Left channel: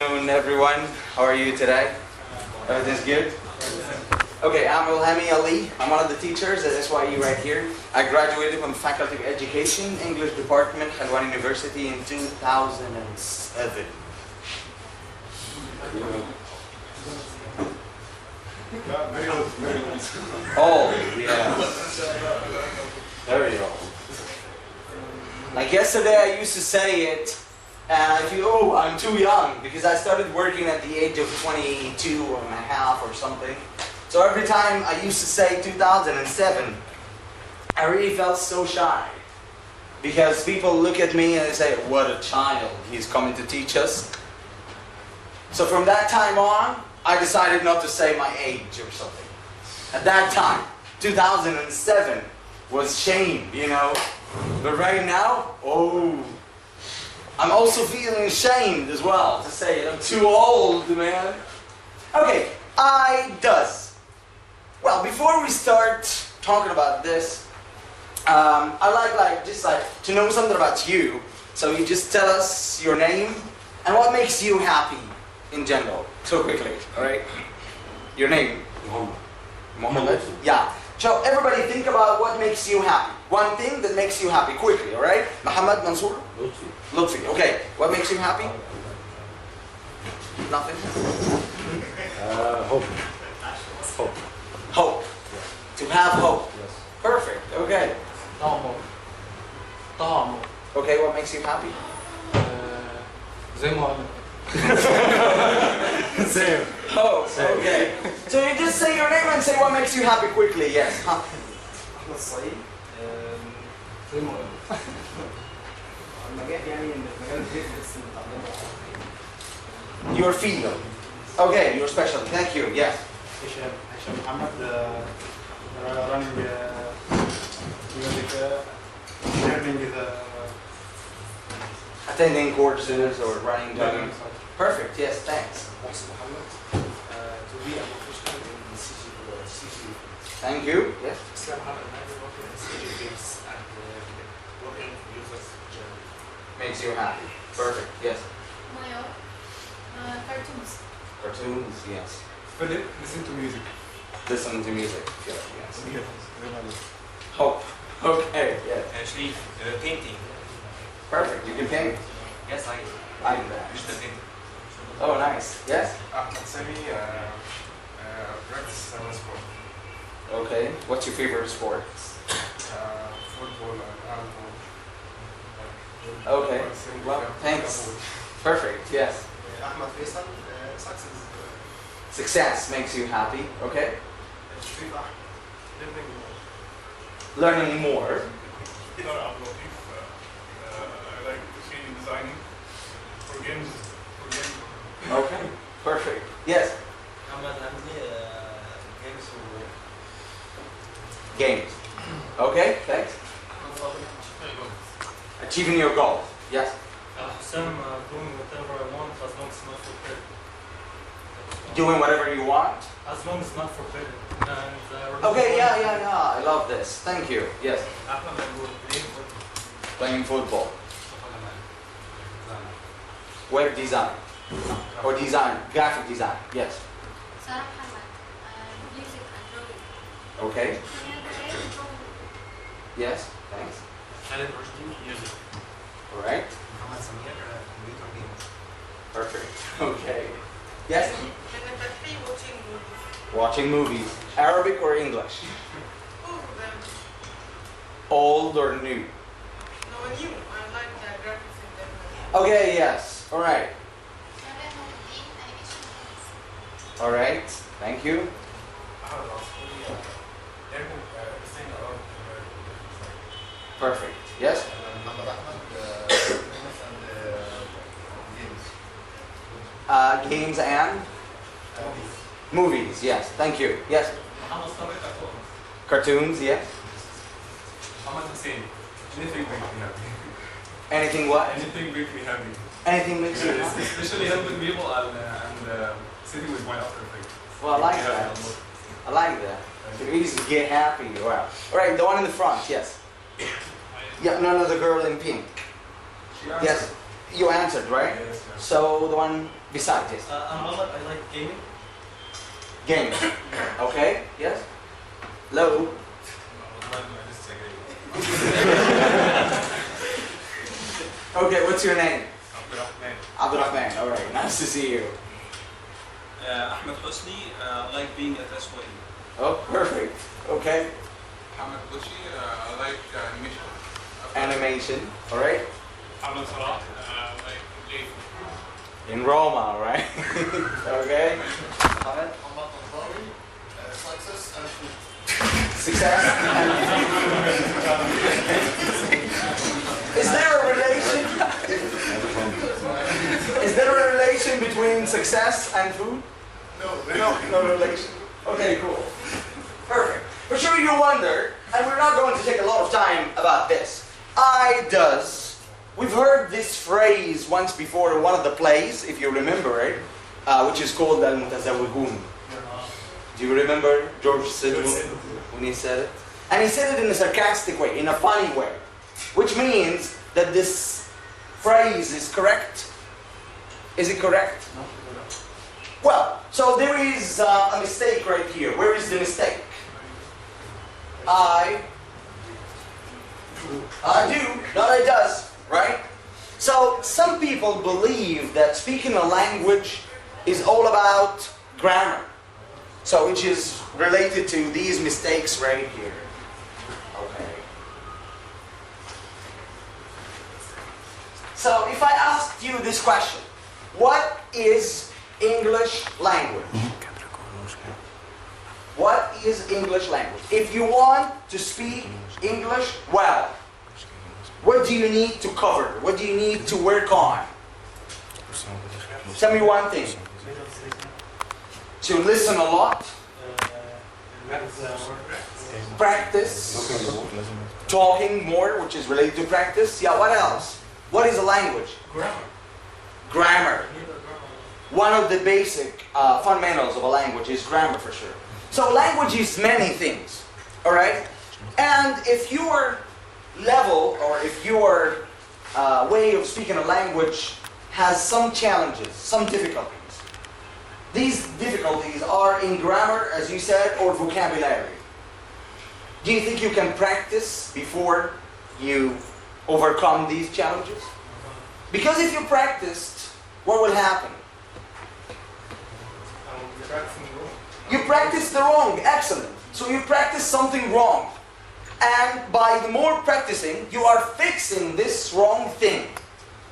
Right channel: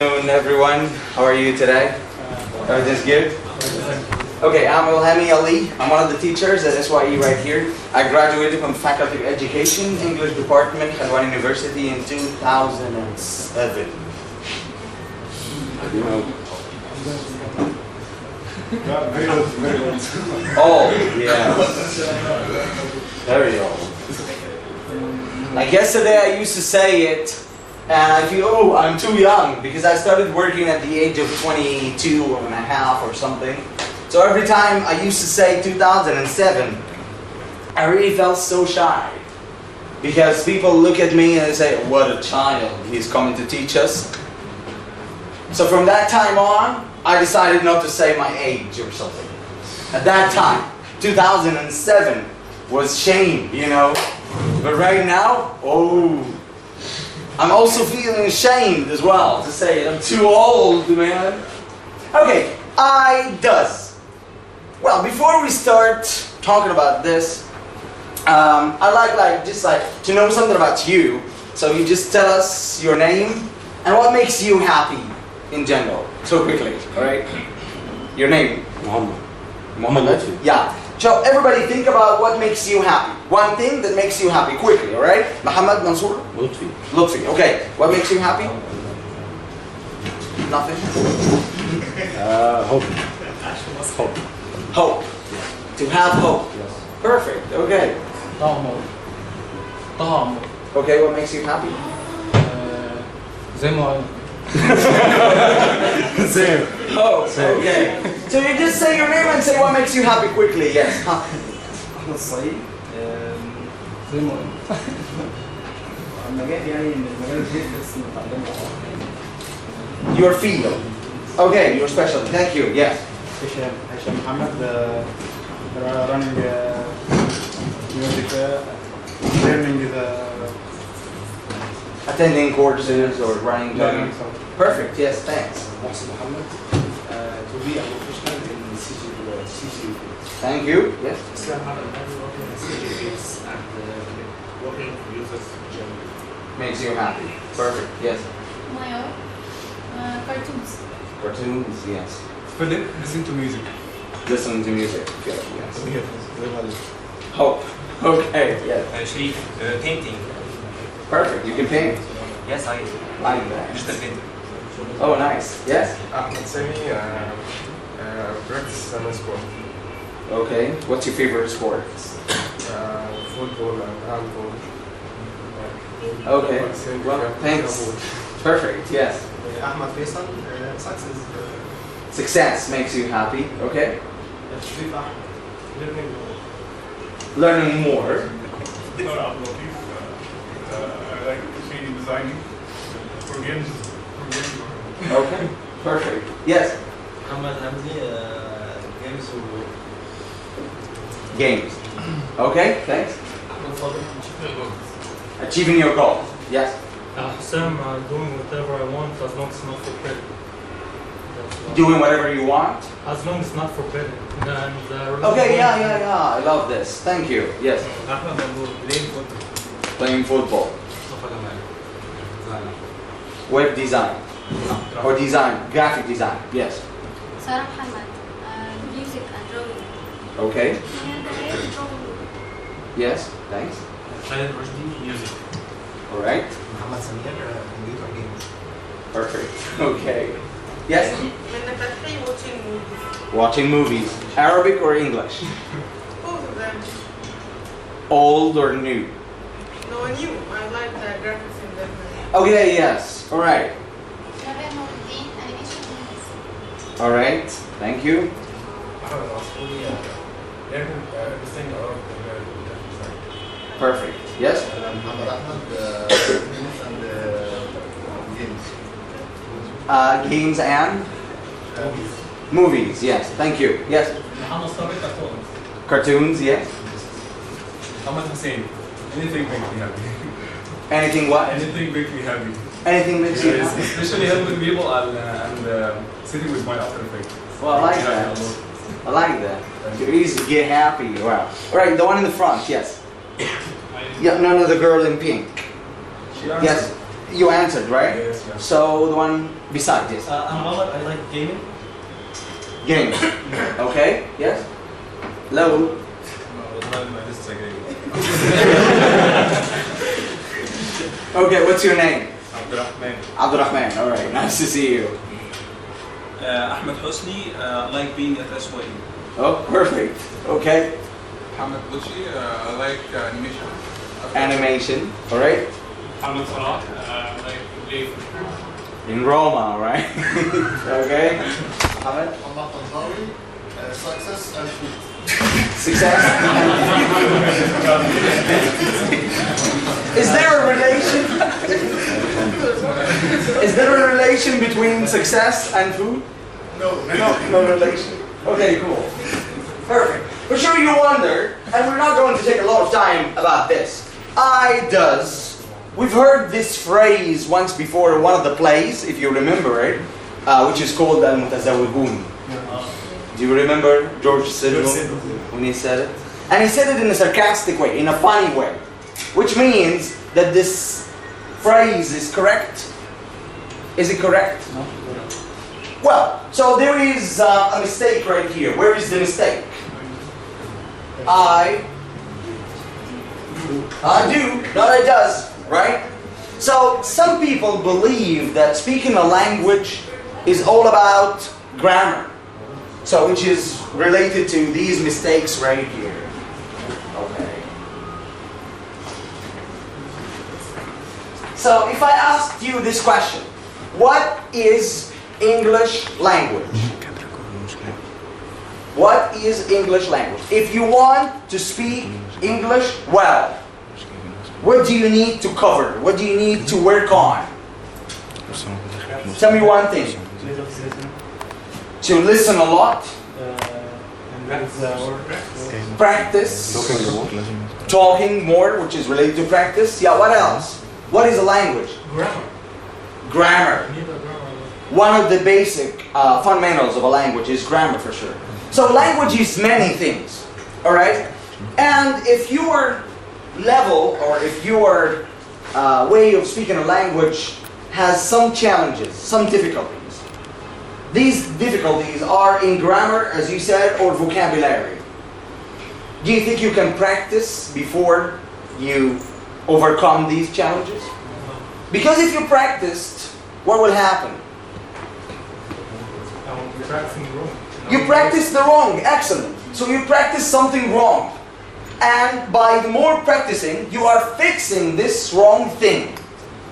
Good afternoon, everyone. How are you today? Everything's good? Okay, I'm Ilhami Ali. I'm one of the teachers at SYE right here. I graduated from Faculty of Education, English Department, Khalwan University in 2007. Old, yeah. Very old. Like yesterday I used to say it, and I feel, oh, I'm too young, because I started working at the age of 22 and a half or something. So every time I used to say 2007, I really felt so shy. Because people look at me and they say, what a child, he's coming to teach us. So from that time on, I decided not to say my age or something. At that time, 2007 was shame, you know. But right now, oh, I'm also feeling ashamed as well to say I'm too old, man. Okay, does. Well, before we start talking about this, I'd like to know something about you. So you just tell us your name and what makes you happy in general, so quickly, all right? Your name? Muhammad. Muhammad? Yeah. So everybody think about what makes you happy. One thing that makes you happy, quickly, all right? Muhammad, Mansour? Lutfi. Lutfi, okay. What makes you happy? Nothing? Hope. Hope. Hope. Yes. To have hope. Yes. Perfect, okay. طعم Okay, what makes you happy? زي ما قلنا Same. Oh, okay. So you just say your name and say what makes you happy quickly, yes. Huh? احمد الصعيد زي ما قلنا المجال يعني من المجال الجديد بس متعلمه Your field. Okay, your specialty. Thank you, yes. هشام محمد running music learning the Attending courses or running jogging. Perfect, yes, thanks. محسن محمد. To be a professional in CG. Thank you, yes. Islam Muhammad working in CG fields and working with users generally. Makes you happy. Perfect, yes. Mayo, cartoons. Cartoons, yes. Philip, listen to music. Listen to music, yes. Hope. Okay, yes. Sharif, painting. Perfect, you can paint. Yes, I Like that. digital painting. Oh, nice. Yes? Ahmed Sami, practice and sport. Okay. What's your favorite sport? Football and handball. Okay. Well, thanks. Perfect, yes. احمد فيصل success Success makes you happy. Okay. شريف احمد Learning more. I like to see designing for games. Okay. Perfect. Yes. محمد حمدي games Games. Okay, thanks. Achieving your goal. Yes. Hussam, doing whatever I want as long as it's not forbidden. Doing whatever you want. As long as it's not forbidden. Okay, yeah. I love this. Thank you. Yes. Ahmed Mahmoud, playing football. Playing football. Web design. Or design. Graphic design. Yes. Sarah Muhammad, music and drawing. Okay. Drawing. Yes. Thanks. Khaled Rushdie, music. All right. محمد سمير computer games Perfect. Okay. Yes. من فتحي watching movies. Watching movies. Arabic or English? Both of them. Old or new? No, new. I like the graphics in them. Okay, yes. All right. Animation movies. All right. Thank you. Ahmed Asfouri, learning everything around the Perfect. Yes. محمد احمد games and games Games and movies. Yes. Thank you. Yes. محمد صابر cartoons. Cartoons. Yes. Ahmed Hussein, anything makes me happy. Anything what? Anything makes me happy. Anything makes you happy. Especially helping people and sitting with my After Effects. Well, I like that. I like that. You're easy to get happy. Wow. All right. The one in the front. Yes. Yeah. No. The girl in pink. Yes. You answered, right? Yes, yes. So the one beside, yes. I'm Muhammad, I like gaming. Games. Okay, yes. Hello. Okay, what's your name? Abdurrahman. Abdurrahman, alright, nice to see you. Ahmed Hosni, like being at SYE. Oh, perfect. Okay. Mohammed Bushi, I like animation. Animation, alright. Mohammed Salah, like live. In Roma, right? Okay. Mohammed? طنطاوي, success and food. Success? Is there a relation? Is there a relation between success and food? No. No relation. Okay, cool. Perfect. For sure you wonder, and we're not going to take a lot of time about this. Does. We've heard this phrase once before in one of the plays, if you remember it, which is called Al-Mutazawwihun. Do you remember George Sidwell when he said it? And he said it in a sarcastic way, in a funny way, which means that this phrase is correct. Is it correct? No. Well, so there is a mistake right here. Where is the mistake? I do, not I does, right? So some people believe that speaking a language is all about grammar. So which is related to these mistakes right here. Okay. So if I asked you this question, what is English language? What is English language? If you want to speak English well, what do you need to cover? What do you need to work on? Tell me one thing. To listen a lot. Practice. Talking more, which is related to practice. Yeah, what else? What is a language? Grammar. One of the basic fundamentals of a language is grammar for sure. So language is many things, all right? And if your level or if your way of speaking a language has some challenges, some difficulties, these difficulties are in grammar, as you said, or vocabulary. Do you think you can practice before you overcome these challenges? Because if you practiced, what will happen? You practice the wrong. Excellent. So you practice something wrong. And by the more practicing, you are fixing this wrong thing.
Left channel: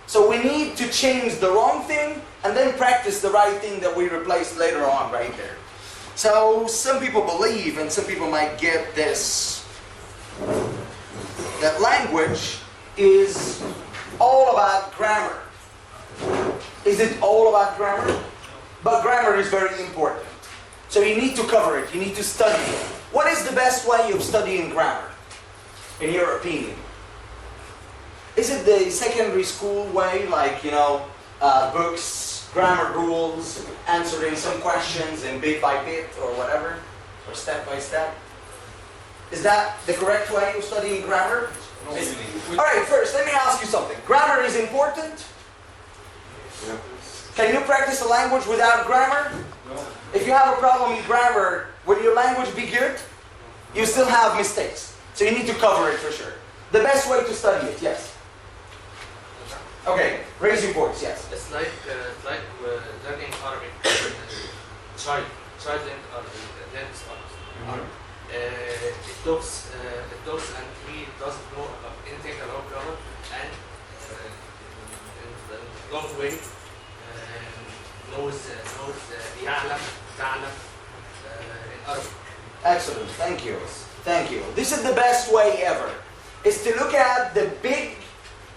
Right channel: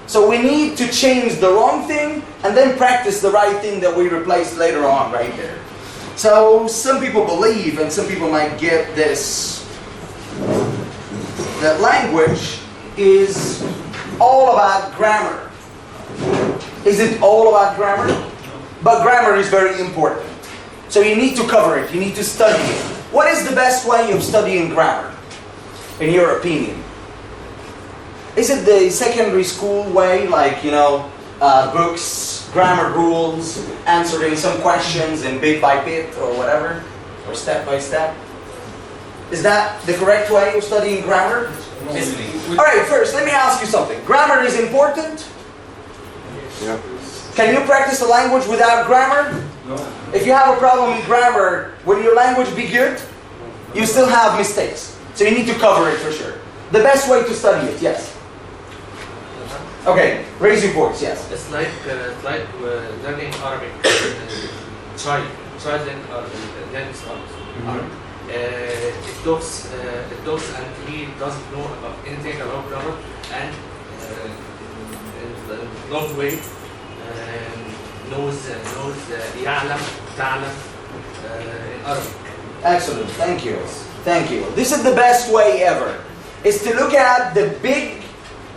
So we need to change the wrong thing and then practice the right thing that we replaced later on right there. So some people believe, and some people might get this, that language is all about grammar. Is it all about grammar? But grammar is very important. So you need to cover it, you need to study it. What is the best way of studying grammar, in your opinion? Is it the secondary school way, like, books, grammar rules, answering some questions in bit by bit or whatever, or step by step? Is that the correct way of studying grammar? Alright, first, let me ask you something. Grammar is important? Yeah. Can you practice the language without grammar? No. If you have a problem in grammar, will your language be good? You still have mistakes. So you need to cover it for sure. The best way to study it, yes. Okay, raise your voice, yes. It's like learning Arabic. Child learning Arabic. It talks and he doesn't know about anything about grammar, and in the long way knows يعلم تعلم in Arabic. Excellent, thank you. Thank you. This is the best way ever, is to look at the big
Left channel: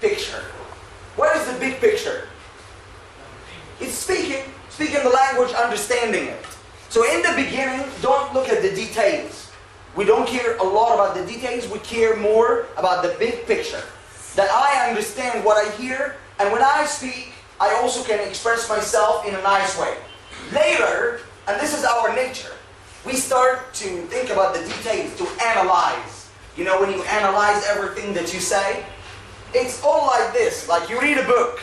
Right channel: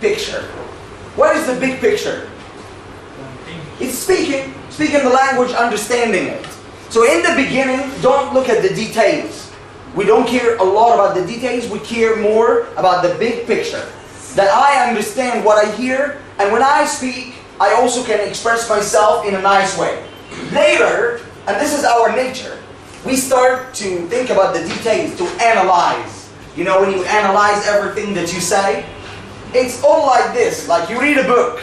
picture. What is the big picture? It's speaking the language, understanding it. So in the beginning, don't look at the details. We don't care a lot about the details, we care more about the big picture. That I understand what I hear, and when I speak, I also can express myself in a nice way. Later, and this is our nature, we start to think about the details, to analyze. You know, when you analyze everything that you say, it's all like this. Like you read a book,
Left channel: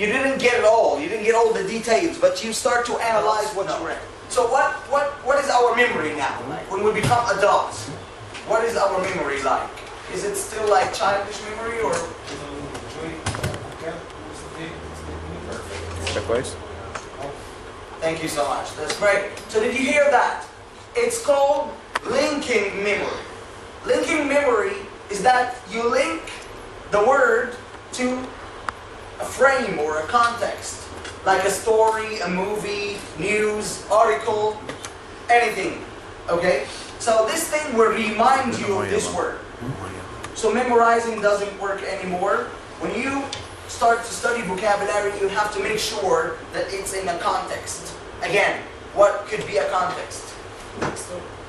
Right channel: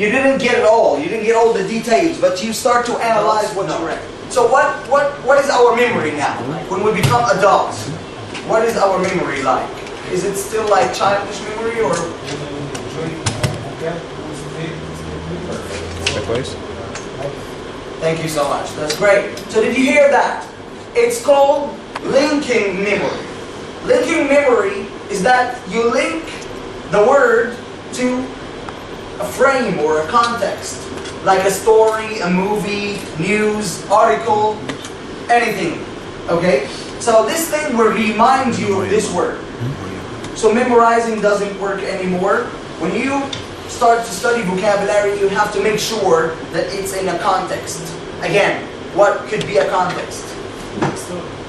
You didn't get it all. You didn't get all the details, but you start to analyze what you read. So what is our memory now? Like when we become adults, what is our memory like? Is it still like childish memory or? Thank you so much. That's great. So did you hear that? It's called linking memory. Linking memory is that you link the word to a frame or a context, like a story, a movie, news, article, anything. Okay? So this thing will remind you of this word. So memorizing doesn't work anymore. When you start to study vocabulary, you have to make sure that it's in a context. Again, what could be a context?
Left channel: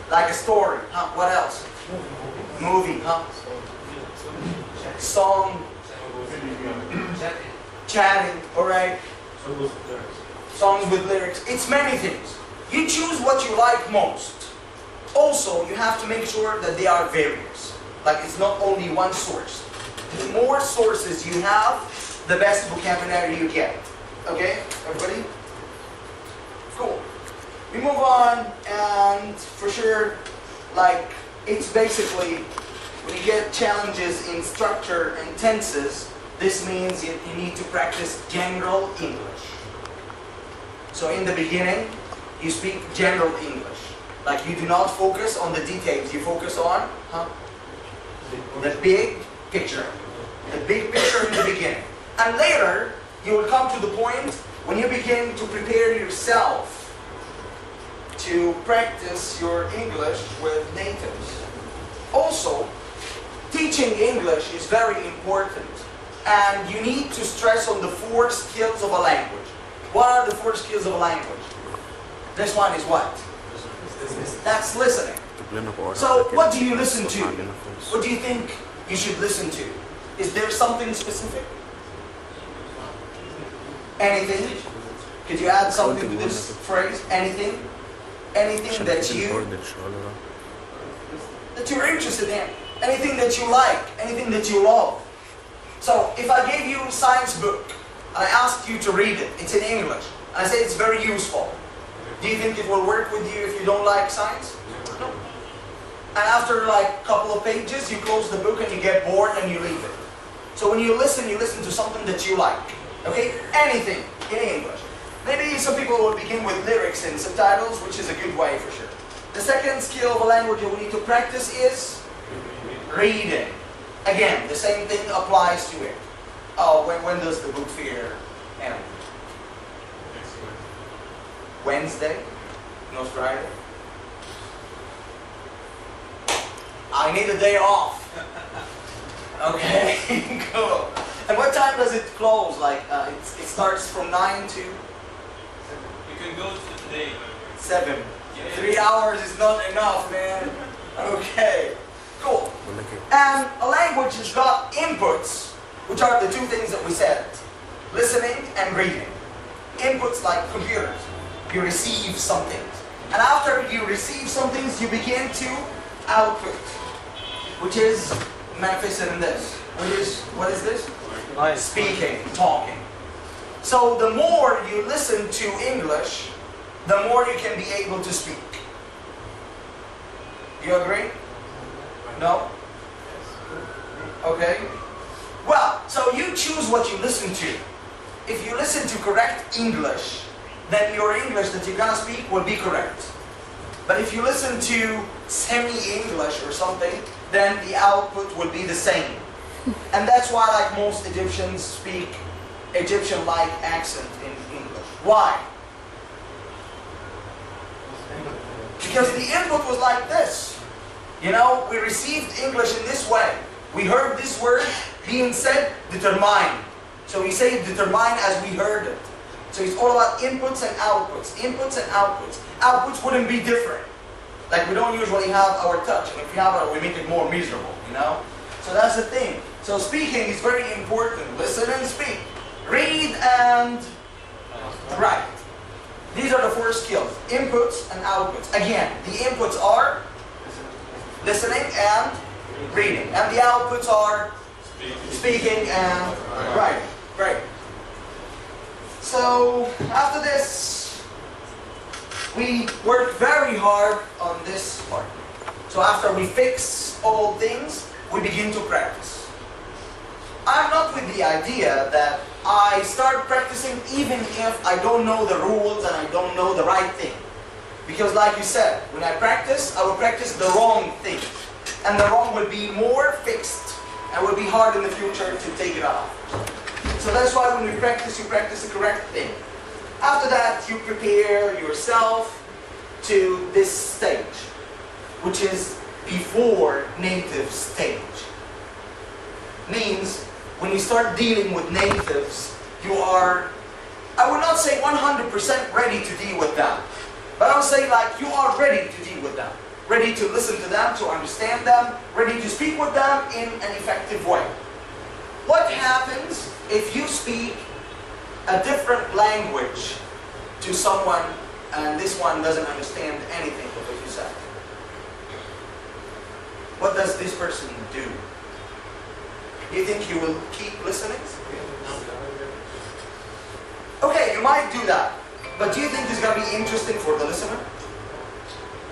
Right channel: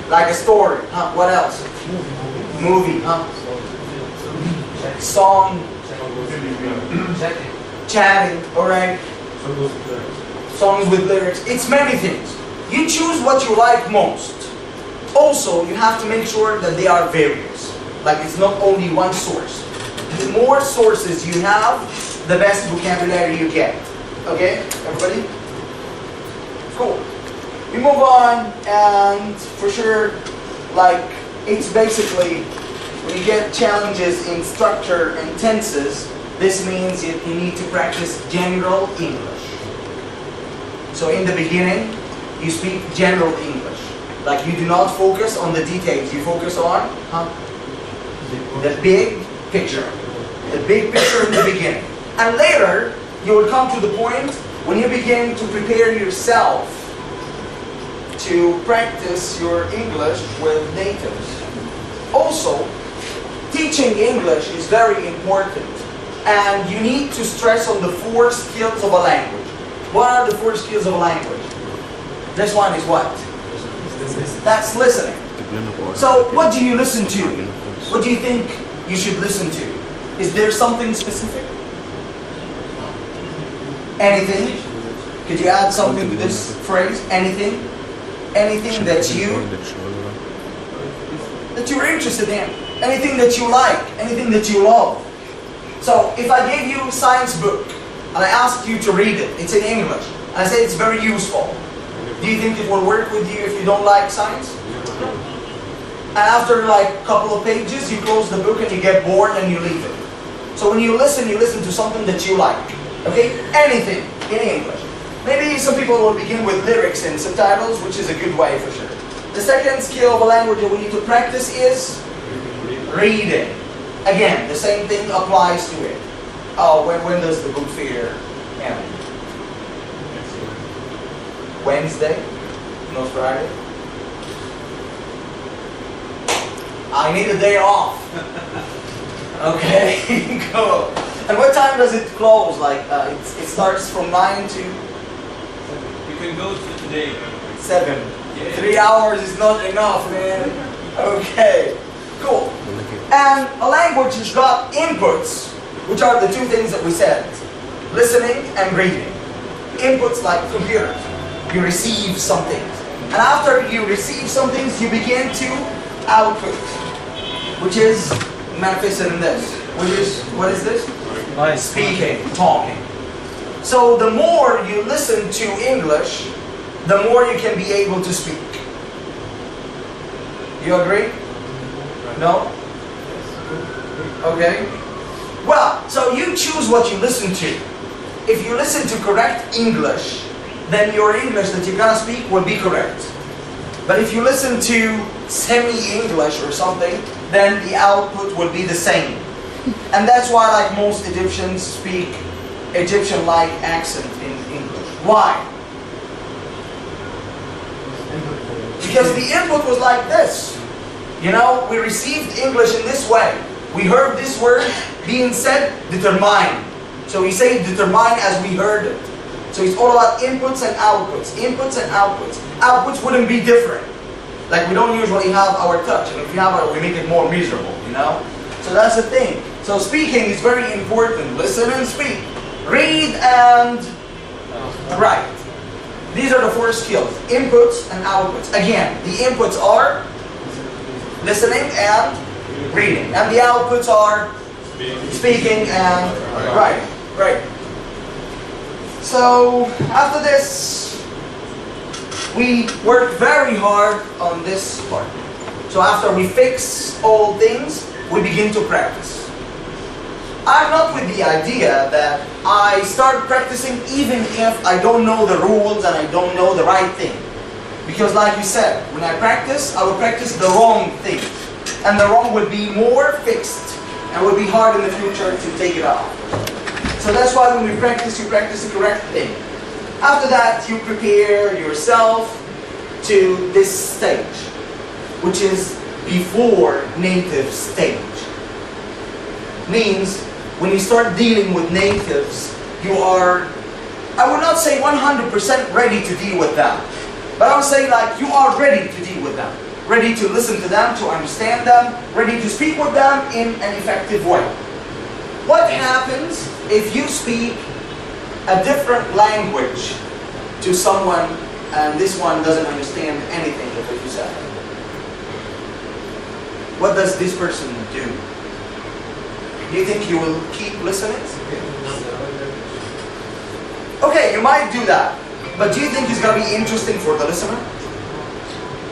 Like a story. Huh? What else? Movie. Huh? Song. Chatting. Alright? Songs with lyrics. It's many things. You choose what you like most. Also, you have to make sure that they are various. Like it's not only one source. The more sources you have, the best vocabulary you get. Okay? Everybody? Cool. We move on, and for sure, like, it's basically, when you get challenges in structure and tenses, this means you need to practice general English. So in the beginning, you speak general English. Like you do not focus on the details, you focus on the big picture. The big picture in the beginning. And later, you will come to the point when you begin to prepare yourself to practice your English with natives. Also, teaching English is very important. And you need to stress on the 4 skills of a language. What are the 4 skills of a language? This one is what? That's listening. So what do you listen to? What do you think you should listen to? Is there something specific? Anything? Could you add something to this phrase? Anything? Anything that you're interested in. Anything that you like. Anything that you love. So if I gave you a science book and I asked you to read it, it's in English, and I say it's very useful, do you think it will work with you if you don't like science? No. And after like a couple of pages, you close the book and you get bored and you leave it. So when you listen to something that you like. Okay? Anything in English. Maybe some people will begin with lyrics and subtitles, which is a good way for sure. The second skill of a language that we need to practice is reading. Again, the same thing applies to it. Oh, when does the book fair end? Wednesday? Not Friday? I need a day off. Okay, cool. And what time does it close? Like, it starts from 9 to? You can go to today. 7. Yeah. 3 hours is not enough, man. Okay, cool. And a language has got inputs, which are the 2 things that we said. Listening and reading. Inputs like computers. You receive some things. And after you receive some things, you begin to output, which is manifested in this. Which is, what is this? Speaking, talking. So the more you listen to English, the more you can be able to speak. You agree? No? Okay. Well, so you choose what you listen to. If you listen to correct English, then your English that you're gonna speak will be correct. But if you listen to semi-English or something, then the output will be the same. And that's why like most Egyptians speak Egyptian-like accent in English. Why? Because the input was like this. You know, we received English in this way. We heard this word being said, determine. So we say determine as we heard it. So it's all about inputs and outputs. Inputs and outputs. Outputs wouldn't be different. Like we don't usually have our touch. And if we have it, we make it more miserable, you know? So that's the thing. So speaking is very important. Listen and speak. Read and write. These are the 4 skills. Inputs and outputs. Again, the inputs are listening and reading. And the outputs are speaking and writing. Right. So after this, we work very hard on this part. So after we fix all things, we begin to practice. I'm not with the idea that I start practicing even if I don't know the rules and I don't know the right thing. Because like you said, when I practice, I will practice the wrong thing. And the wrong will be more fixed and will be hard in the future to take it off. So that's why when we practice, you practice the correct thing. After that, you prepare yourself to this stage, which is before native stage. Means when you start dealing with natives, you are, I would not say 100% ready to deal with them, but I would say like you are ready to deal with them, ready to listen to them, to understand them, ready to speak with them in an effective way. What happens if you speak a different language to someone and this one doesn't understand anything of what you said? What does this person do? Do you think you will keep listening? Okay, you might do that. But do you think it's going to be interesting for the listener?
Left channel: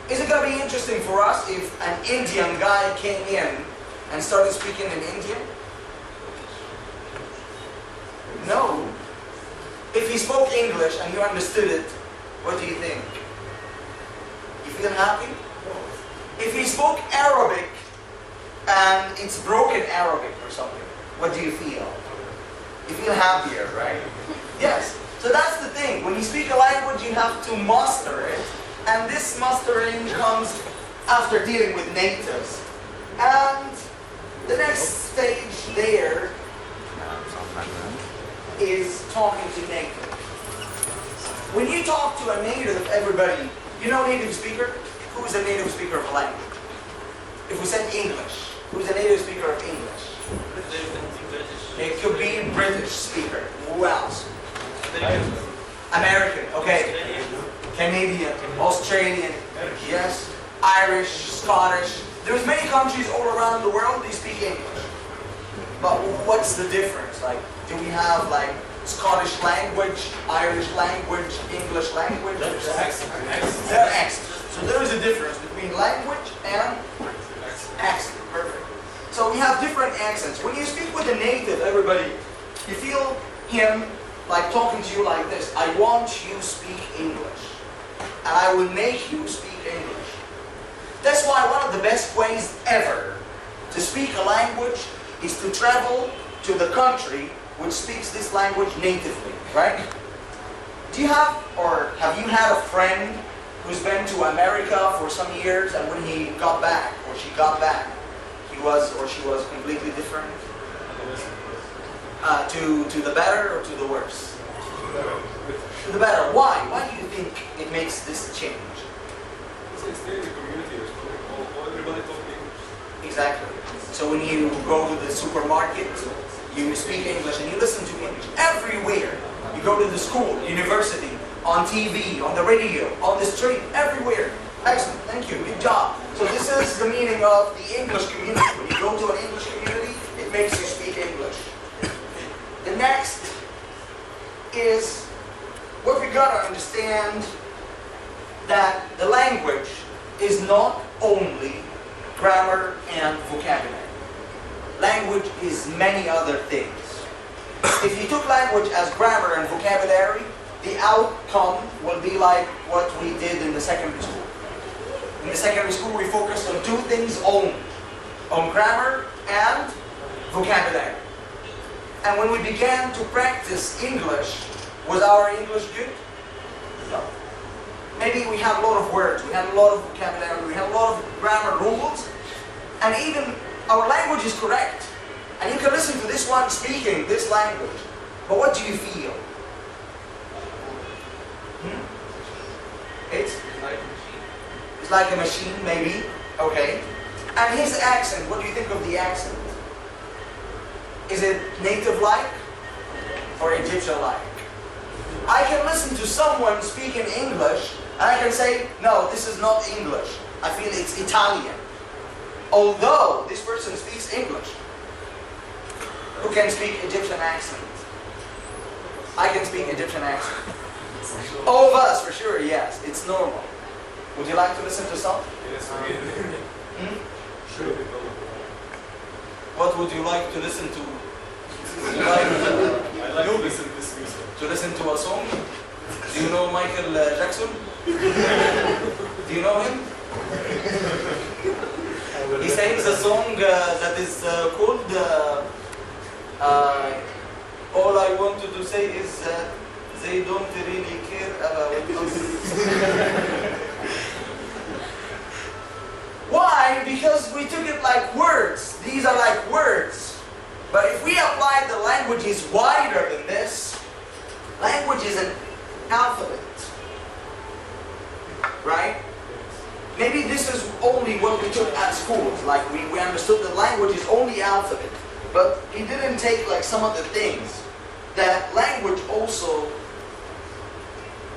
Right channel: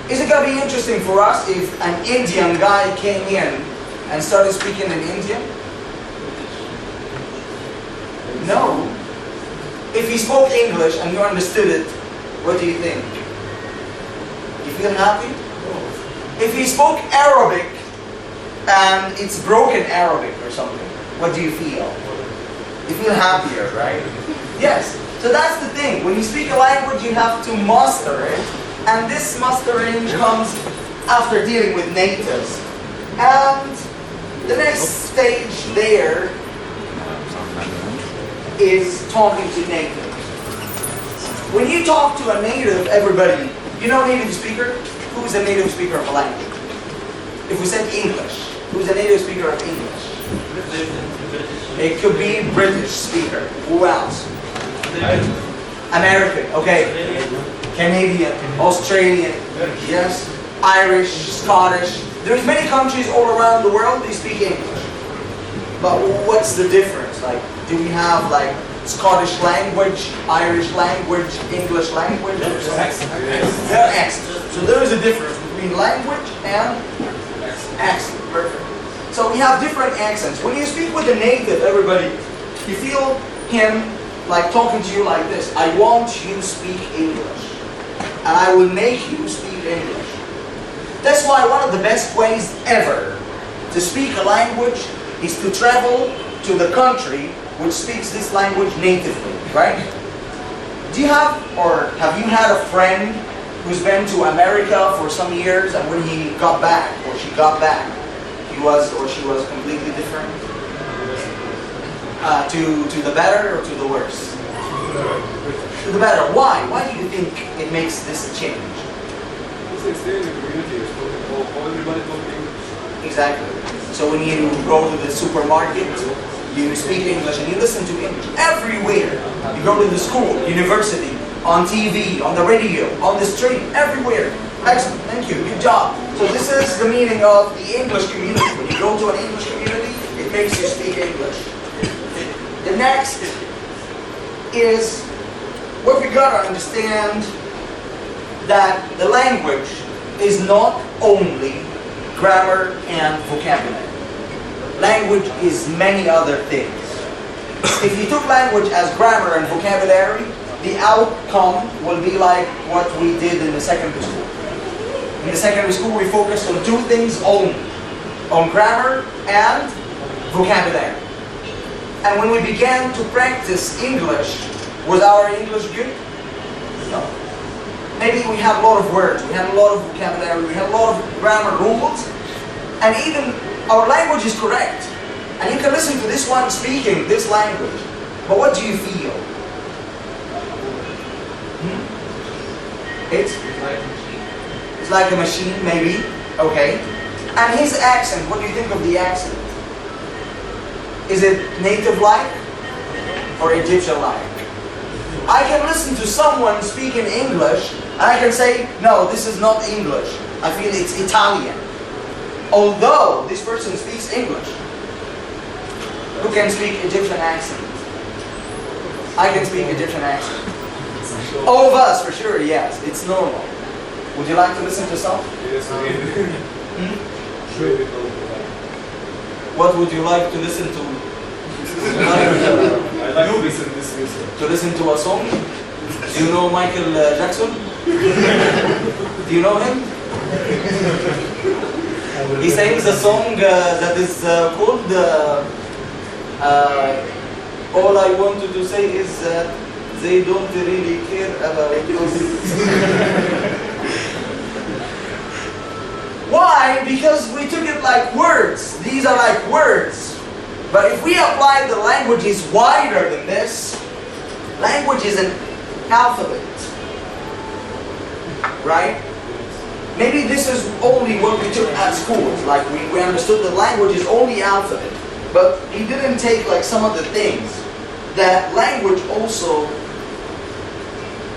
Is it going to be interesting for us if an Indian guy came in and started speaking in Indian? No. If he spoke English and you understood it, what do you think? You feel happy? If he spoke Arabic and it's broken Arabic or something, what do you feel? You feel happier, right? Yes. So that's the thing. When you speak a language, you have to master it. And this mastering comes after dealing with natives. And the next stage there is talking to natives. When you talk to a native, everybody, you know native speaker? Who is a native speaker of a language? If we said English, who's a native speaker of English? It could be British speaker. Who else? American, okay. Canadian, Australian, yes. Irish, Scottish. There's many countries all around the world they speak English. But what's the difference? Like, do we have like Scottish language, Irish language, English language? Or something? They're accents. So there is a difference between language and accent. Perfect. So we have different accents. When you speak with a native, everybody, you feel him like talking to you like this. I want you to speak English. And I will make you speak English. That's why one of the best ways ever to speak a language is to travel to the country which speaks this language natively, right? Do you have, or have you had a friend who's been to America for some years and when he got back, or she got back, he was or she was completely different? To the better or to the worse? To the better. Why? Why do you think it makes this change? It's staying in the community. You're talking, everybody talking English. Exactly. So when you go to the supermarket, you speak English and you listen to English everywhere. You go to the school, university, on TV, on the radio, on the street, everywhere. Excellent. Thank you. Good job. So this is the meaning of the English community. When you go to an English community, it makes you speak English. The next is what we gotta understand, that the language is not only grammar and vocabulary. Language is many other things. If you took language as grammar and vocabulary, the outcome will be like what we did in the secondary school. In the secondary school, we focused on two things only, on grammar and vocabulary. And when we began to practice English, was our English good? No. Maybe we had a lot of words, we had a lot of vocabulary, we had a lot of grammar rules, and even our language is correct. And you can listen to this one speaking this language, but what do you feel? It's like a machine, maybe. Okay. And his accent, what do you think of the accent? Is it native-like or Egyptian-like? I can listen to someone speaking English and I can say, no, this is not English. I feel it's Italian. Although this person speaks English. Who can speak Egyptian accent? I can speak Egyptian accent. All of us, for sure, yes. It's normal. Would you like to listen to some? Yes, we did. Sure. What would you like to listen to? I like to listen to this music. To listen to a song? Do you know Michael Jackson? Do you know him? He sings a song that is called All I Wanted to Say Is That They Don't Really Care About Us. Why? Because we took it like words. These are like words. But if we apply the language is wider than this, language is an alphabet. Right? Maybe this is only what we took at school. Like we understood that language is only alphabet. But he didn't take like some of the things. That language also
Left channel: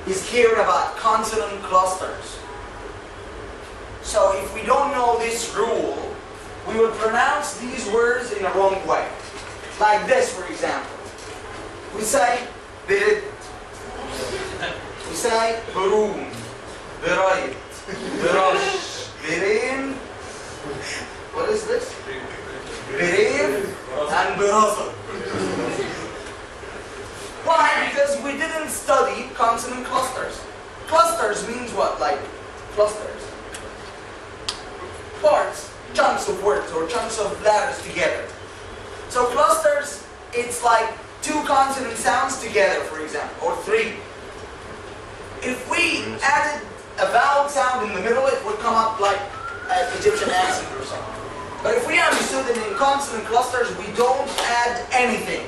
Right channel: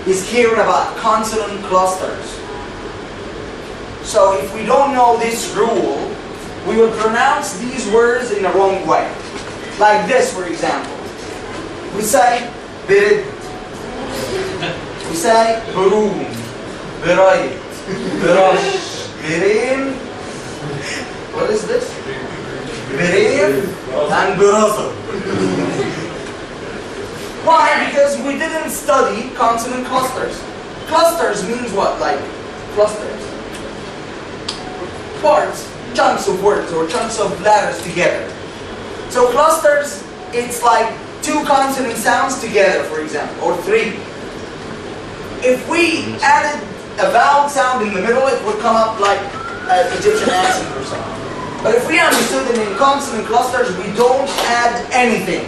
is caring about consonant clusters. So if we don't know this rule, we would pronounce these words in a wrong way. Like this, for example. We say birid. We say burun, birayt, birash, birin. What is this? Birin and biraza. Why? Because we didn't study consonant clusters. Clusters means what? Like clusters. Parts, chunks of words or chunks of letters together. So clusters, it's like two consonant sounds together, for example, or three. If we added a vowel sound in the middle, it would come up like an Egyptian accent or something. But if we understood that in consonant clusters, we don't add anything.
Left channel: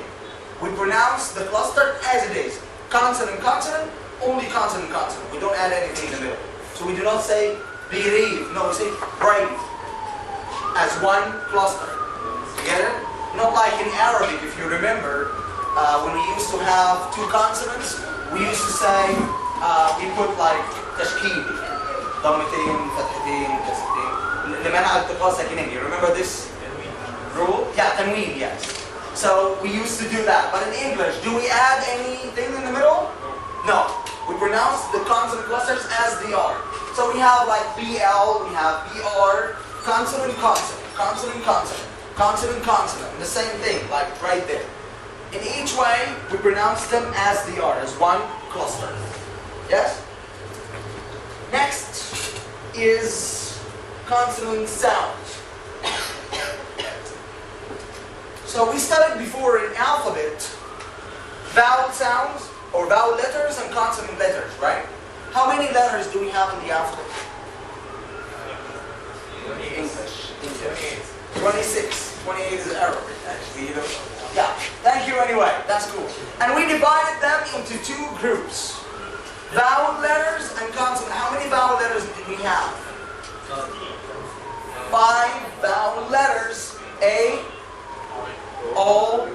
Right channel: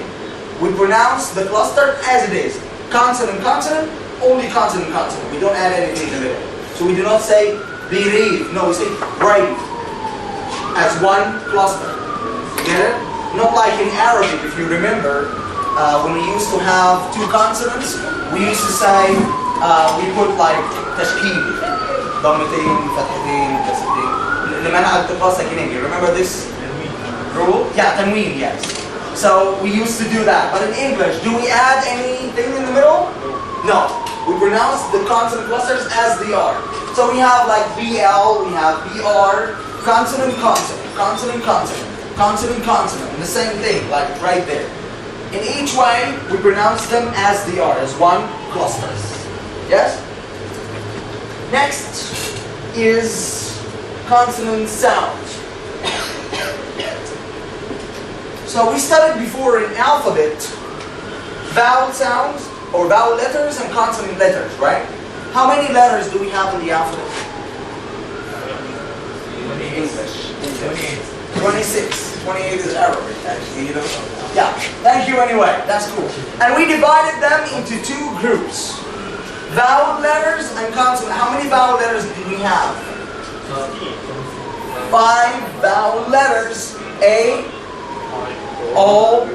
We pronounce the cluster as it is. Consonant, consonant, only consonant, consonant. We don't add anything in the middle. So we do not say believe. No, we say brave as one cluster. You get it? Not like in Arabic, if you remember, when we used to have two consonants, we used to say, we put like tashkil, ضمتين, فتحتين, كسرتين. لمنع التقاء ساكنين. You remember this rule? Yeah, tanween, yes. So we used to do that. But in English, do we add anything in the middle? No. We pronounce the consonant clusters as they are. So we have like BL, we have BR, consonant, consonant, consonant, consonant, consonant, consonant, and the same thing, like right there. In each way, we pronounce them as they are, as one cluster. Yes? Next is consonant sound. So we studied before in alphabet vowel sounds or vowel letters and consonant letters, right? How many letters do we have in the alphabet? English. 26. 28 is Arabic, actually. Yeah. Thank you anyway. That's cool. And we divided them into two groups. Vowel letters and consonant. How many vowel letters do we have? 5 vowel letters. A, O,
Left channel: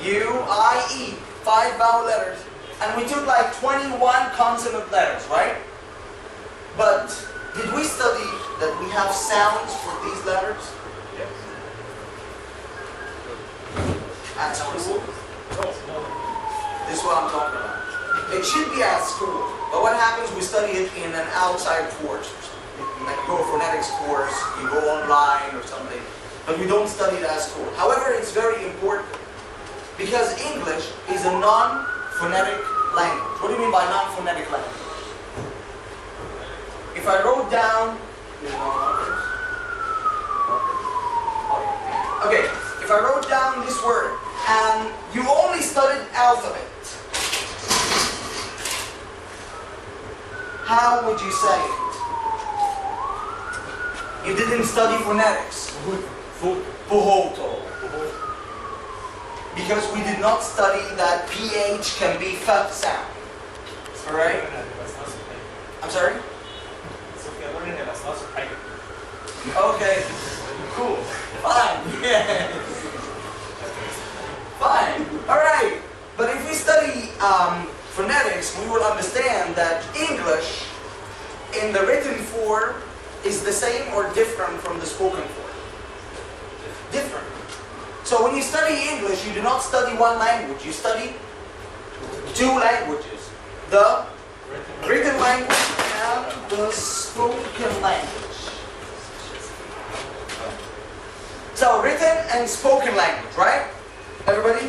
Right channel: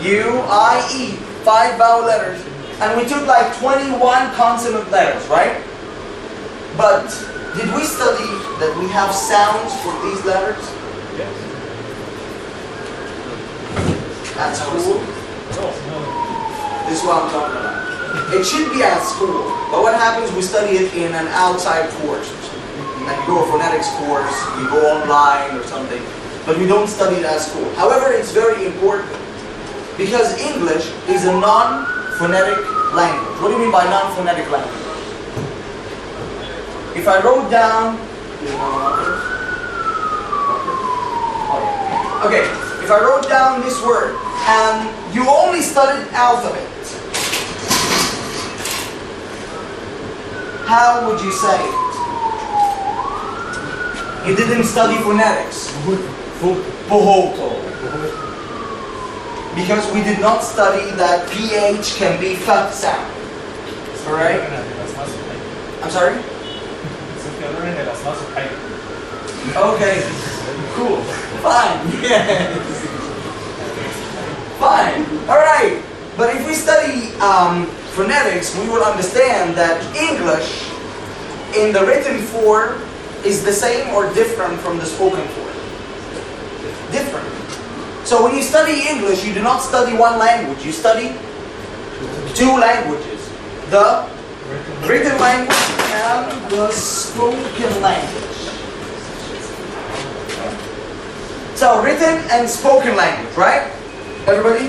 U, I, E. 5 vowel letters. And we took like 21 consonant letters, right? But did we study that we have sounds for these letters? Yes. At school? This is what I'm talking about. It should be at school. But what happens, we study it in an outside course or something. Like you go a phonetics course, you go online or something. But we don't study it at school. However, it's very important. Because English is a non-phonetic language. What do you mean by non-phonetic language? If I wrote down, okay, if I wrote down this word and you only studied alphabet, how would you say it? You didn't study phonetics. Bohoto. Because we did not study that PH can be F sound. Alright? I'm sorry? Okay. Cool. Fine. Yes. Fine. Alright. But if we study phonetics, we will understand that English in the written form is the same or different from the spoken form. Different. So when you study English, you do not study one language, you study two languages, the written language and the spoken language. So written and spoken language, right? Everybody?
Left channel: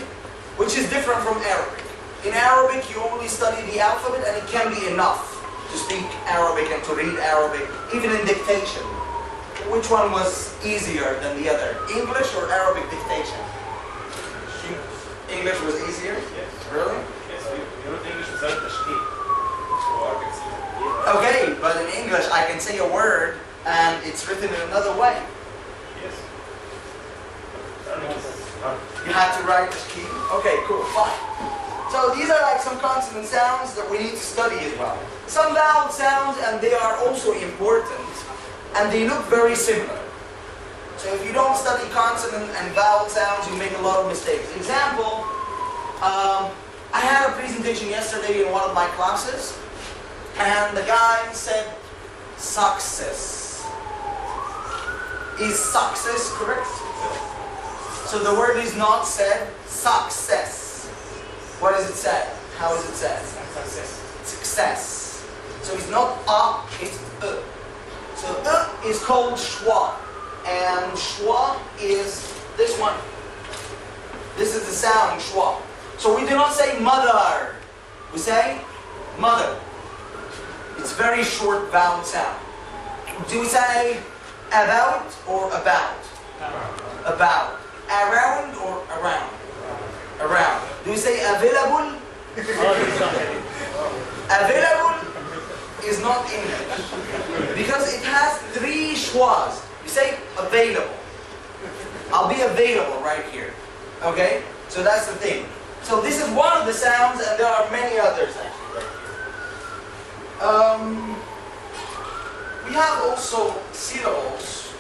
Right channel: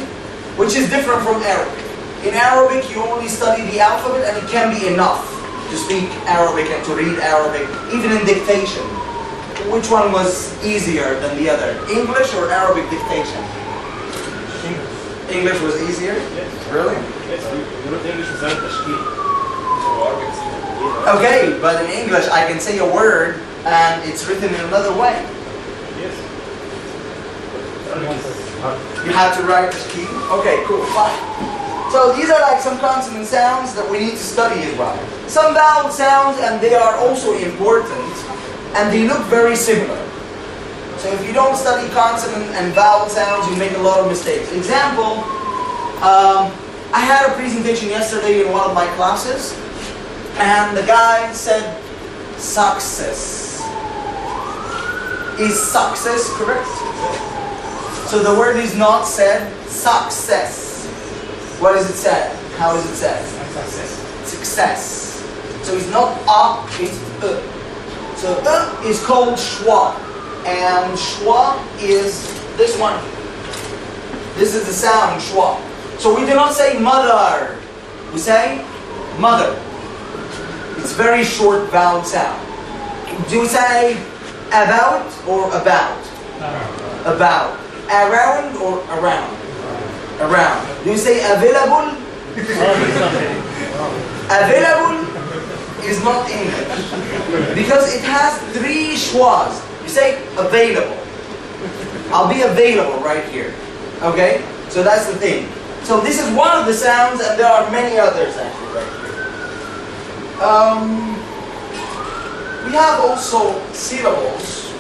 Which is different from Arabic. In Arabic, you only study the alphabet and it can be enough to speak Arabic and to read Arabic, even in dictation. Which one was easier than the other? English or Arabic dictation? English was easier? Yes. Really? Yes, you know English is تشكيل. Okay, but in English I can say a word and it's written in another way. Yes. You have to write the key? Okay, cool, fine. So these are like some consonant sounds that we need to study as well. Some vowel sounds, and they are also important, and they look very similar. So if you don't study consonant and vowel sounds, you make a lot of mistakes. Example, I had a presentation yesterday in one of my classes, and the guy said success. Is success correct? So the word is not said success. What is it said? How is it said? Success. Success. So it's not it's So is called schwa. And schwa is this one. This is the sound schwa. So we do not say mother. We say mother. It's very short vowel sound. Do we say about or about? About. Around or around? Around. Do you say available? Available is not English because it has three schwas. You say available. I'll be available right here. Okay? So that's the thing. So this is one of the sounds, and there are many others actually right here. We have also syllables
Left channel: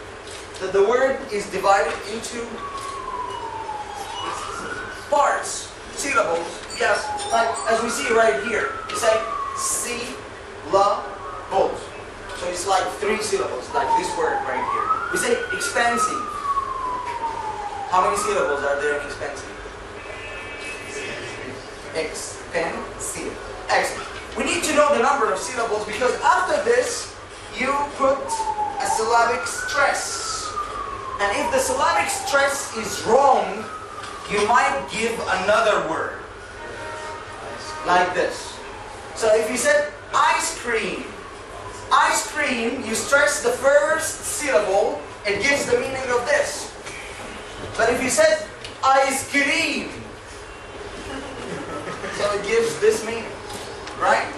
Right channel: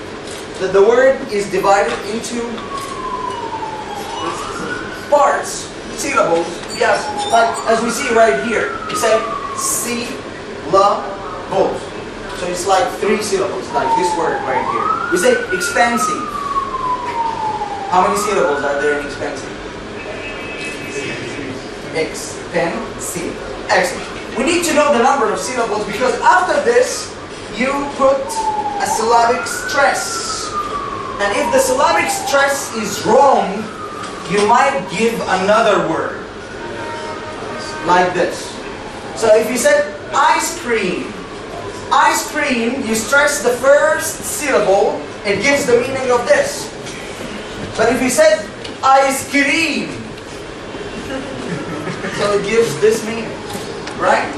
that the word is divided into parts, syllables, yes, like as we see right here. You say syllables. So it's like three syllables, like this word right here. We say expensive. How many syllables are there in expensive? Expensive. Excellent. We need to know the number of syllables because after this, you put a syllabic stress. And if the syllabic stress is wrong, you might give another word. Like this. So if you said ice cream, you stress the first syllable, it gives the meaning of this. But if you said ice cream, so it gives this meaning, right?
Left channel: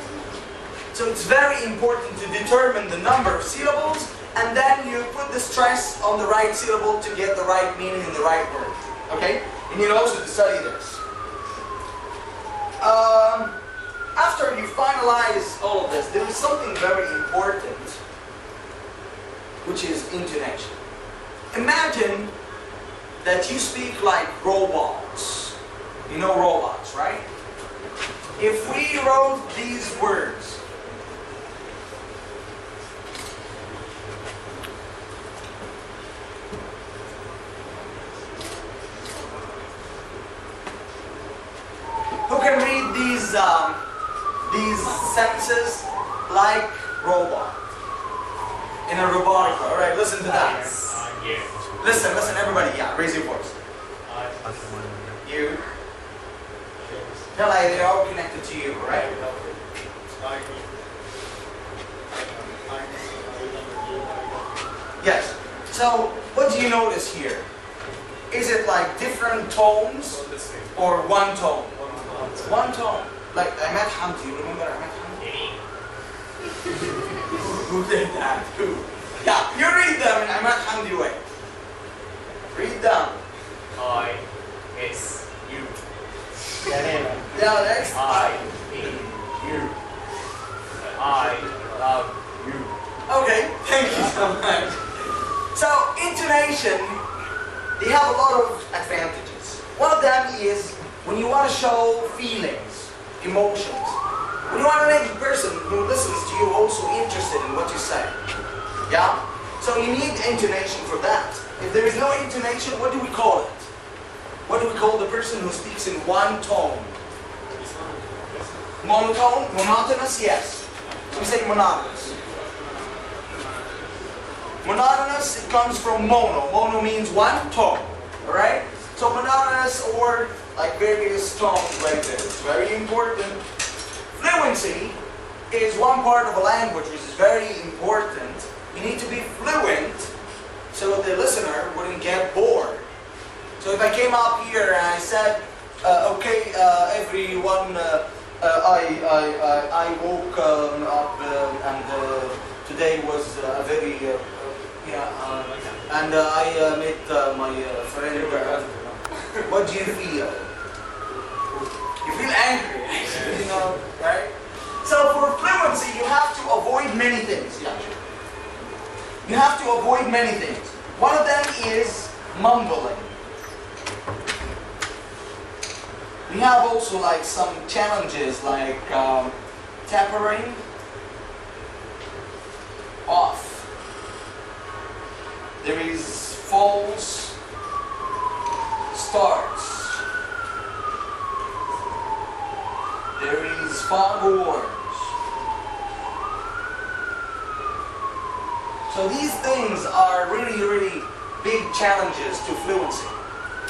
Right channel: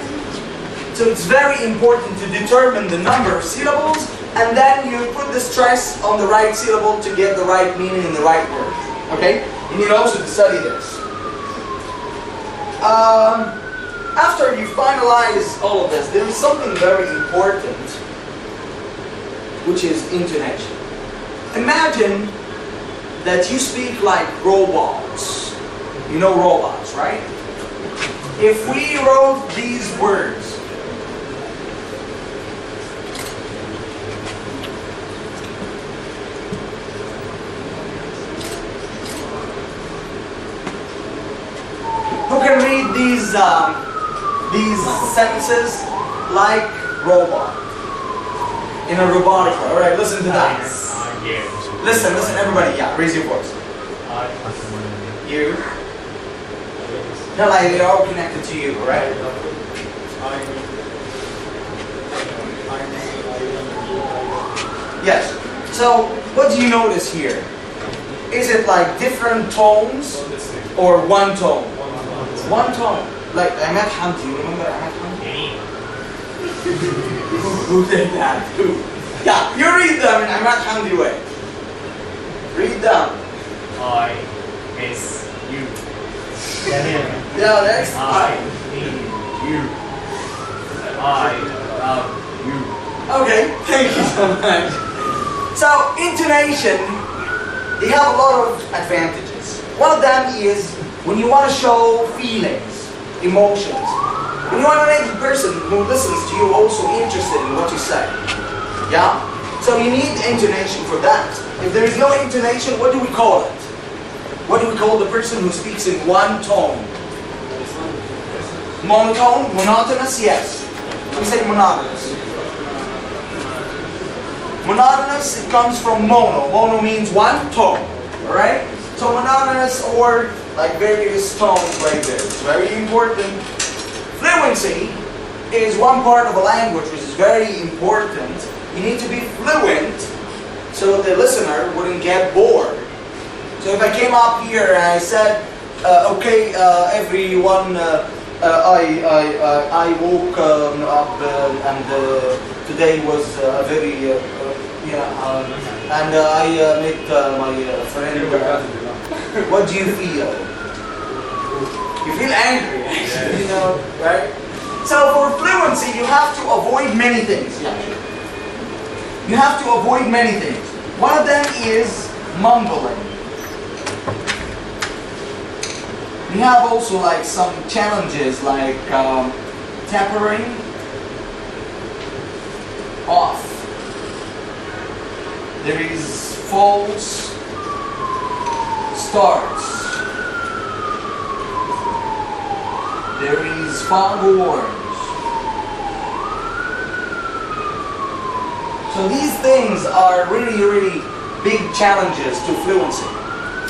So it's very important to determine the number of syllables, and then you put the stress on the right syllable to get the right meaning in the right word. Okay? You need also to study this. After you finalize all of this, there is something very important, which is intonation. Imagine that you speak like robots. You know robots, right? If we wrote these words, who can read these sentences like robot? In a robotic way. Alright, listen to that. Yes. Listen, everybody, yeah, raise your voice. You. They're like, they're all connected to you, right? Yes. So, what do you notice here? Is it like different tones or one tone? One tone. Like Ahmad Hamdi, you remember Ahmad Hamdi? Who did that? Who? Yeah, you read them in Ahmad Hamdi way. Read them. I miss you. Yeah, next. I need you. I love you. Okay, thank you so much. So, intonation, they have a lot of advantages. One of them is when you want to show feelings, emotions. When you want to make the person who listens to you also interested in what you say. Yeah? So you need intonation for that. If there is no intonation, what do we call it? What do we call the person who speaks in one tone? Monotone, monotonous, yes. We say monotonous. Monotonous, it comes from mono. Mono means one tone, alright? So monotonous or like various tones right there. It's very important. Fluency is one part of a language which is very important. You need to be fluent so the listener wouldn't get bored. So if I came up here and I said, okay, everyone, I woke up and today was a very, and I met my friend. What do you feel? You feel angry, you know, right? So for fluency, you have to avoid many things. Yeah, sure. You have to avoid many things. One of them is mumbling. We have also like some challenges like tapering off. There is false starts. There is foghorns. So these things are really, really big challenges to fluency.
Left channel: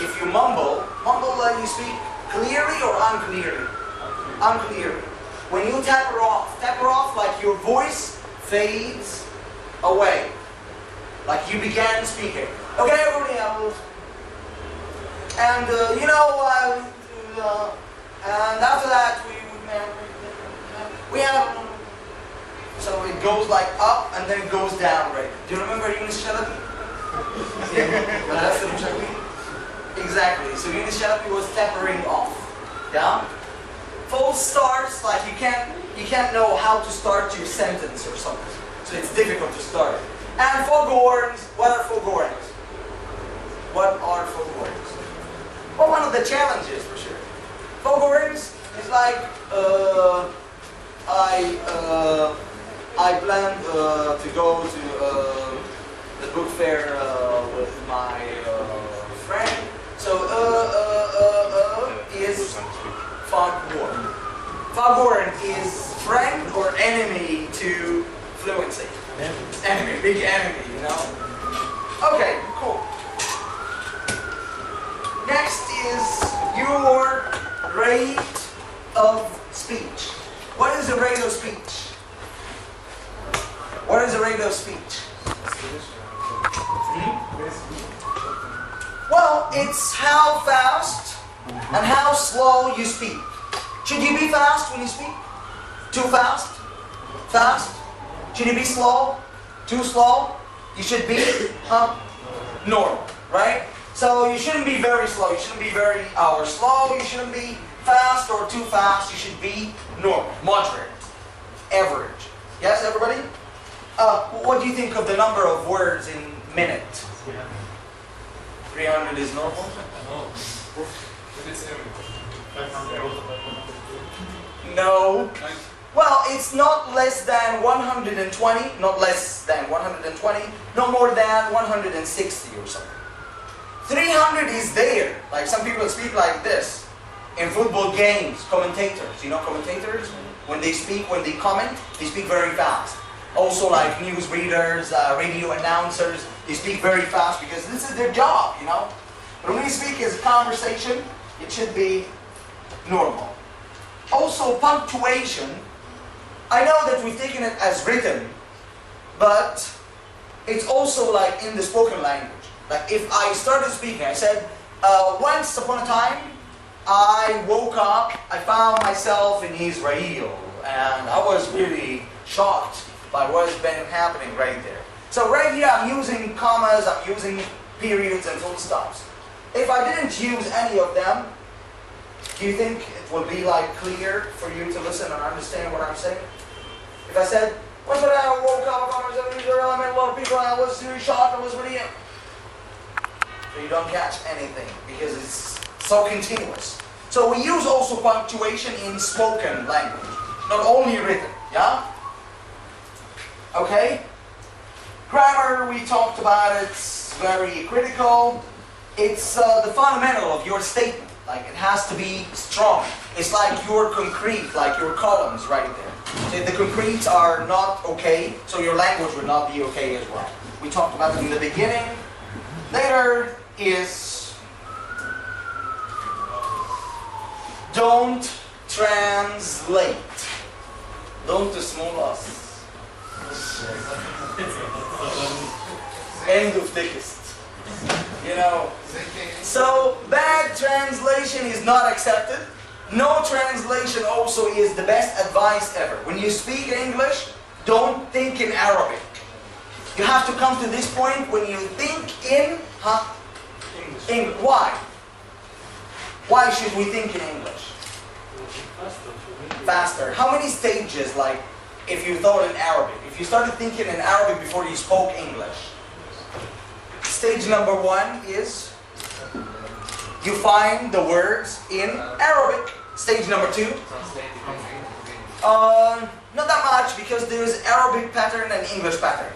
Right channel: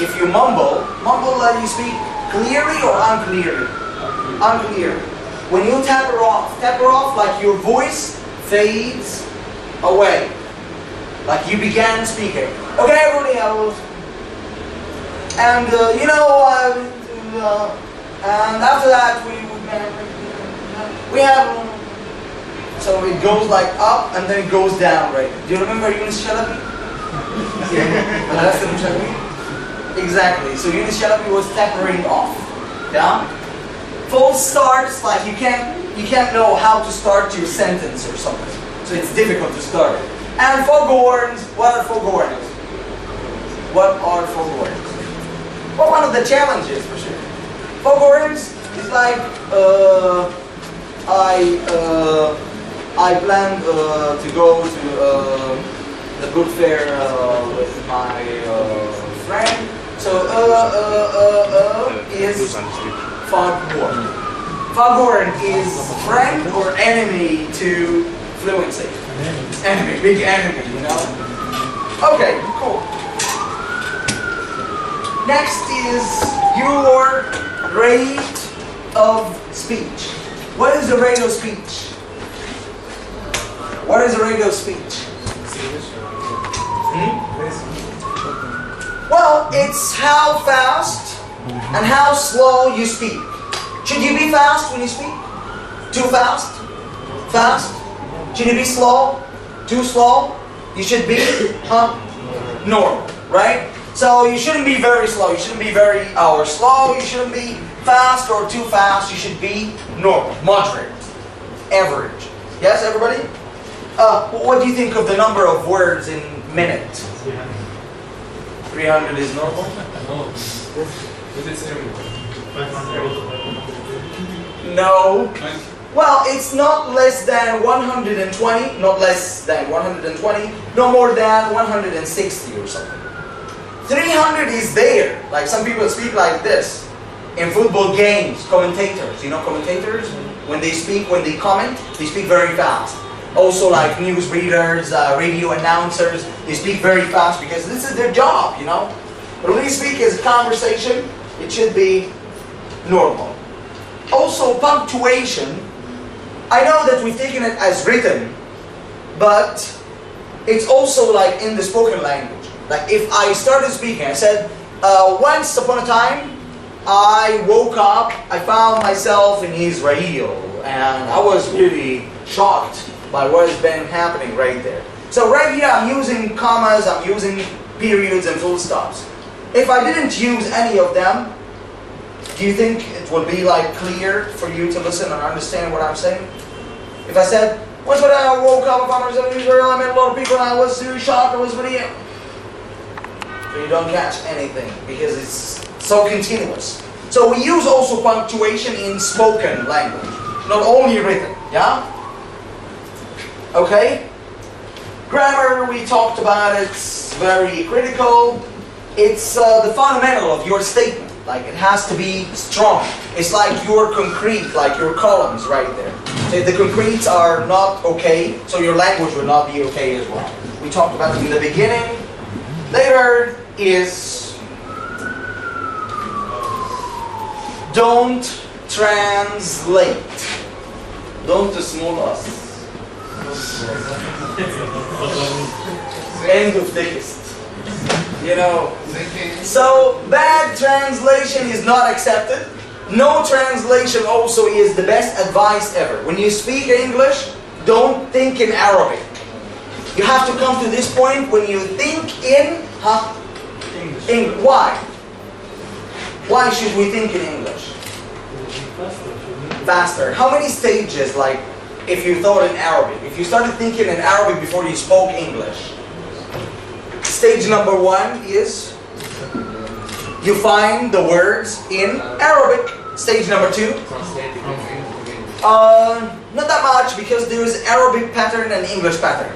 If you mumble you speak clearly or unclearly? Unclearly. When you taper off like your voice fades away. Like you began speaking. Okay, everybody, I will. And and after that we have. So it goes like up and then it goes down, right? Do you remember Yunus Shalabi? Exactly. So Yunus Shalabi was tapering off. Yeah. Full starts like you can't know how to start your sentence or something. So it's difficult to start. And foghorns. What are foghorns? What are foghorns? Well, one of the challenges for sure. Foghorns is like I planned to go to the book fair with my friend. So is foghorn. Foghorn is friend or enemy to fluency. Enemy, big enemy, you know. Okay, cool. Next is your rate of speech. What is the rate of speech? What is the rate of speech? Well, it's how fast and how slow you speak. Should you be fast when you speak? Too fast? Fast? Should you be slow? Too slow? You should be normal, right? So you shouldn't be very slow. You shouldn't be very slow. You shouldn't be fast or too fast. You should be normal, moderate, average. Yes, everybody? What do you think of the number of words in minute? 300 is normal? No. But it's everywhere. No. Well, it's not less than 120, not less than 120, no more than 160 or something. 300 is there. Like some people speak like this. In football games, commentators, you know commentators? When they speak, when they comment, they speak very fast. Also like news readers, radio announcers, they speak very fast because this is their job, you know? But when we speak as a conversation, it should be normal. Also punctuation, I know that we've taken it as written, but it's also like in the spoken language. Like if I started speaking, I said, once upon a time, I woke up, I found myself in Israel, and I was really shocked by what has been happening right there. So right here I'm using commas, I'm using periods and full stops. If I didn't use any of them, do you think it would be like clear for you to listen and understand what I'm saying? If I said, once when I woke up, I found myself in Israel, I met a lot of people, and I was really shocked, I was really... So you don't catch anything because it's so continuous. So we use also punctuation in spoken language, not only written, yeah? Okay? Grammar, we talked about, it's very critical. It's the fundamental of your statement. Like it has to be strong. It's like your concrete, like your columns right there. If the concretes are not okay, so your language will not be okay as well. We talked about it in the beginning. Later is don't translate. Don't small us. End of text. You know. So bad translation is not accepted. No translation also is the best advice ever. When you speak English, don't think in Arabic. You have to come to this point when you think in English. Why? Why should we think in English? Faster. How many stages, like, if you thought in Arabic? If you started thinking in Arabic before you spoke English? Stage number 1 is you find the words in Arabic. Stage number 2? Not that much, because there's Arabic pattern and English pattern.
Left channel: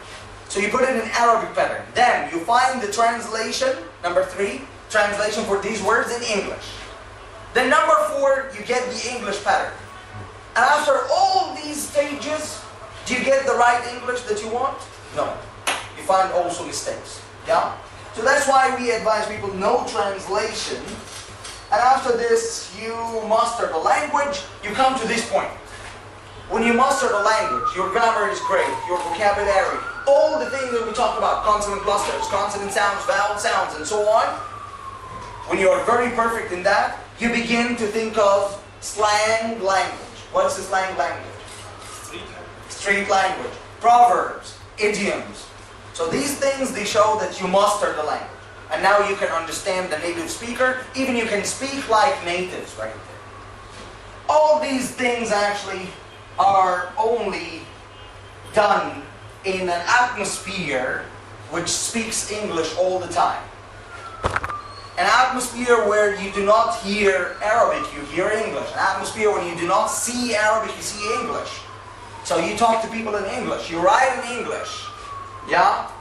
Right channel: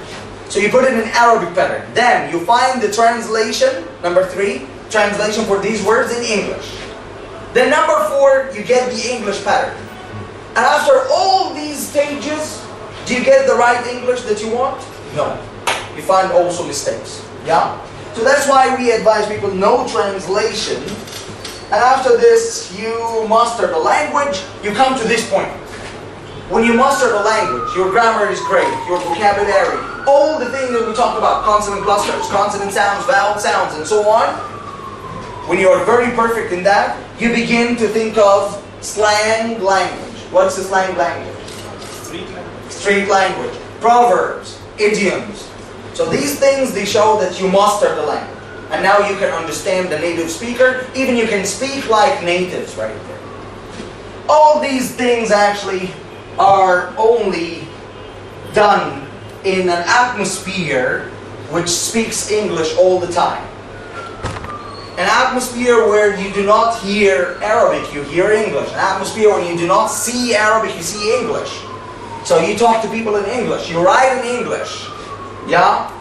So you put it in Arabic pattern. Then you find the translation, number 3, translation for these words in English. Then number 4, you get the English pattern. And after all these stages, do you get the right English that you want? No. You find also mistakes. Yeah? So that's why we advise people no translation. And after this, you master the language, you come to this point. When you master the language, your grammar is great, your vocabulary, all the things that we talked about, consonant clusters, consonant sounds, vowel sounds, and so on. When you are very perfect in that, you begin to think of slang language. What's the slang language? Street language. Proverbs, idioms. So these things, they show that you master the language. And now you can understand the native speaker, even you can speak like natives right there. All these things actually are only done in an atmosphere which speaks English all the time. An atmosphere where you do not hear Arabic, you hear English. An atmosphere where you do not see Arabic, you see English. So you talk to people in English, you write in English, yeah?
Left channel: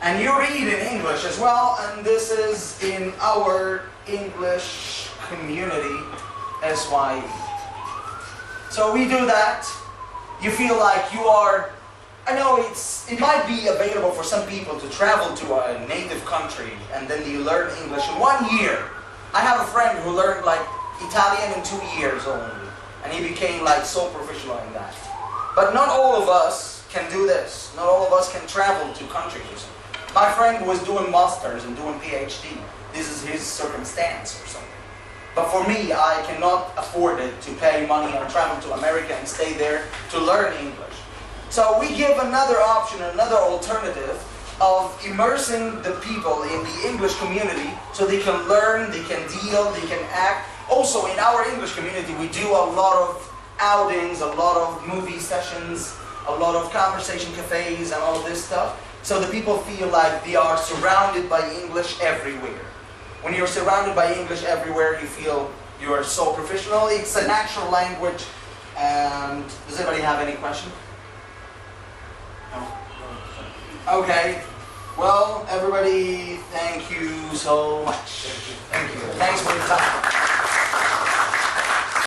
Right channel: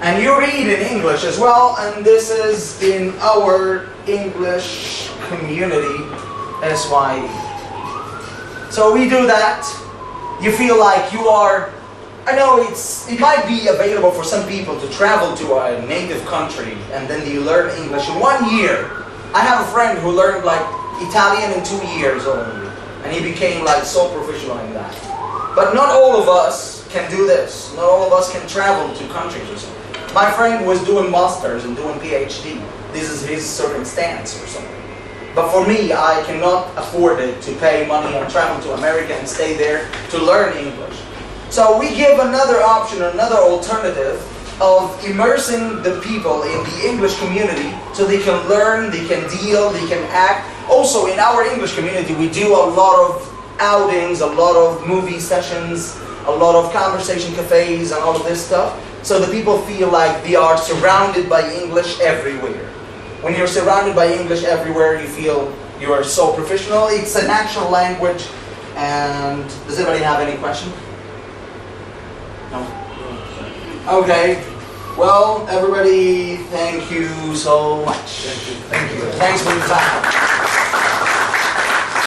And you read in English as well, and this is in our English community, SYE. So we do that. You feel like you are, I know it might be available for some people to travel to a native country and then you learn English in 1 year. I have a friend who learned like Italian in 2 years only, and he became like so professional in that. But not all of us can do this. Not all of us can travel to countries or something. My friend was doing masters and doing PhD. This is his circumstance or something. But for me, I cannot afford it to pay money and travel to America and stay there to learn English. So we give another option, another alternative of immersing the people in the English community so they can learn, they can deal, they can act. Also, in our English community, we do a lot of outings, a lot of movie sessions, a lot of conversation cafes and all of this stuff. So the people feel like they are surrounded by English everywhere. When you're surrounded by English everywhere, you feel you are so professional. It's a natural language. And does anybody have any question? No? Okay. Well, everybody, thank you so much. Thank you. Thanks for your time.